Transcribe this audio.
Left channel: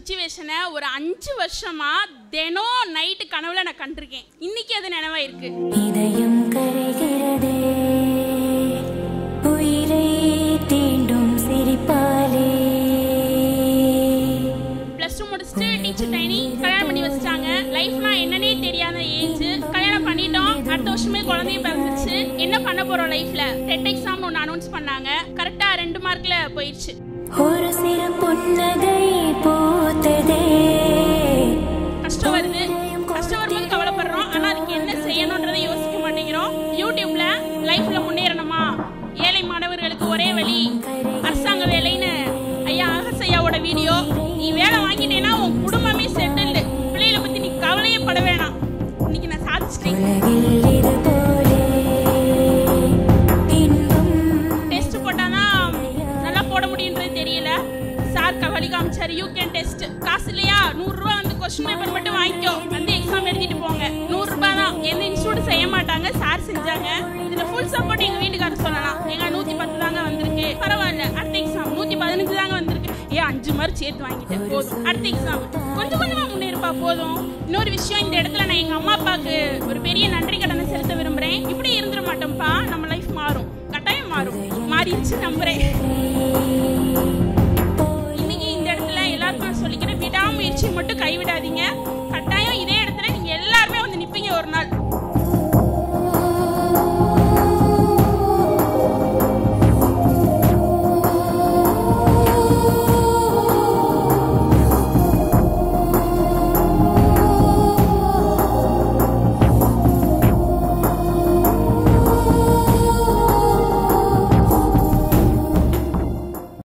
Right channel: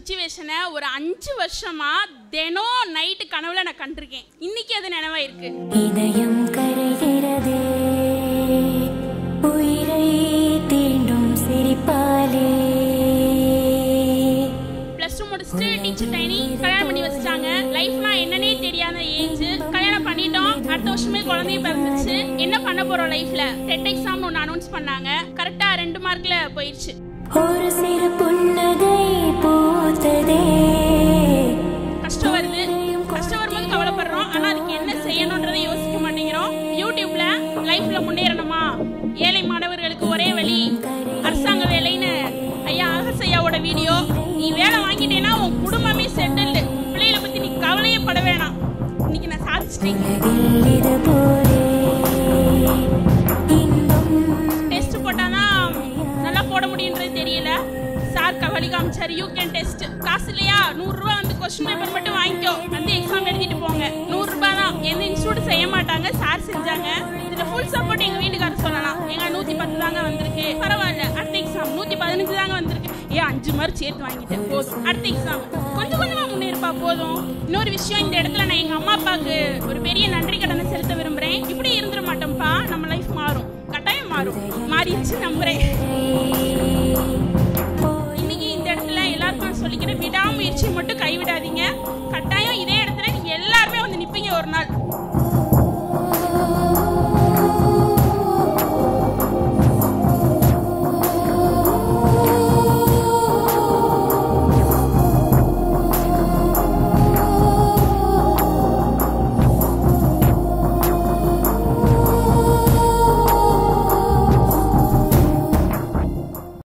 சிச்சுவேஷனை ஒரு 5 வருஷமா தினம் நைட்டு கனவுல நான் கண்டிருக்கேன். இன்னைக்கு அது நினைவாயிருக்கு. இதயம் கரைகிறதே உயிரை தீண்டும் சிரிப்பாலே. +2 முடிச்சுட்டு டீச்சர் ட்ரைனிங் கல்யாணம் பண்ணி வச்சிட்டாங்க. லைஃப்னா என்னன்னே தெரியாத ஏஜ். கல்யாணம் பண்ணிட்டோம். அடுத்த வருஷமே குழந்தைய பிறந்துச்சு. என்ன பண்ண போறோம் லைஃப்ல? டெட் எக்ஸாம் ஒன்று அனௌன்ஸ் பண்ணாங்க. கரெக்டா 2 மார்க்ல போயிடுச்சு. ஒரு சிறு புன்னகை போததே. கஷ்டம் வருது. கஷ்டம் வரும்போது கவலைப்படுறோம். ஆனா அதுக்கு என்ன செய்யணும்ன்றதை யோசிக்க மாட்டேங்கிறோம். யூடியூப்ல லைஃப்ல முன்னேறணுமா, ஏழை மாணவர்களுக்கு ஒரே வழி, அரசாங்க வேலைன்னு ஐயா ஆகசையாவோட வீடியோ. நீ வேலை வாங்கிட்டேன்னா உன் குடும்பமே செட்டில்டு. பிள்ளைகளை பத்தி நீ கவலையே பட வேணாம். இன்னைக்கு நான் சாதிச்சிட்டேன். டெஸ்ட் போட்டாதான் நல்லா போட முடியுன்றது தெரியல. சார் வழி காமிச்சாரு. You can test. காசு இல்லையா? 100 ரூபா வந்து கொஸ்டின் பேப்பர் மட்டும் வாங்கிக்கோ, வந்து எக்ஸாம் எழுதிட்டு போங்க. 100 ரூபாய் தான். எந்த இன்ஸ்டியூட் செய்ய மாட்டாங்க, சார் செஞ்சாங்க. இதுல ஃபுல் சப்போர்ட் எங்க வீட்டுக்காரர் சொல்லலாம். எங்க 110 தாங்க வந்திருக்கு, பரவாயில்ல. அடுத்த எக்ஸாம் 115 தாங்க வந்திருக்கு. 5 மார்க் சேர்த்து வாங்கிட்டேன், போதும். அடுத்த எக்ஸாம் கொஞ்சம் கொஞ்சமா முன்னேறுப்பா, போதும். இன்னொரு விஷயம், இந்த இடத்துல நான் எங்க அம்மா அப்பாவுக்கு ஒரு பெரிய நன்றி கடனை செலுத்த விரும்புறேன். இப்படி இருந்துட மாட்டோம்ப்பா, நம்ம லைஃப் மாறும், கட்டாயம் மாறும். மாறிடுச்சு நம்புறேன். இன்னைக்கு இந்த இடத்துல எல்லாருக்கும் சொல்லிக்கிறேன், விடாமுயற்சியை மட்டும் கைவிடாதீங்க. கட்டாயம் இதே இடத்துல நீங்க எல்லாருமே வந்து நிப்பீங்க ஒரு நாள்.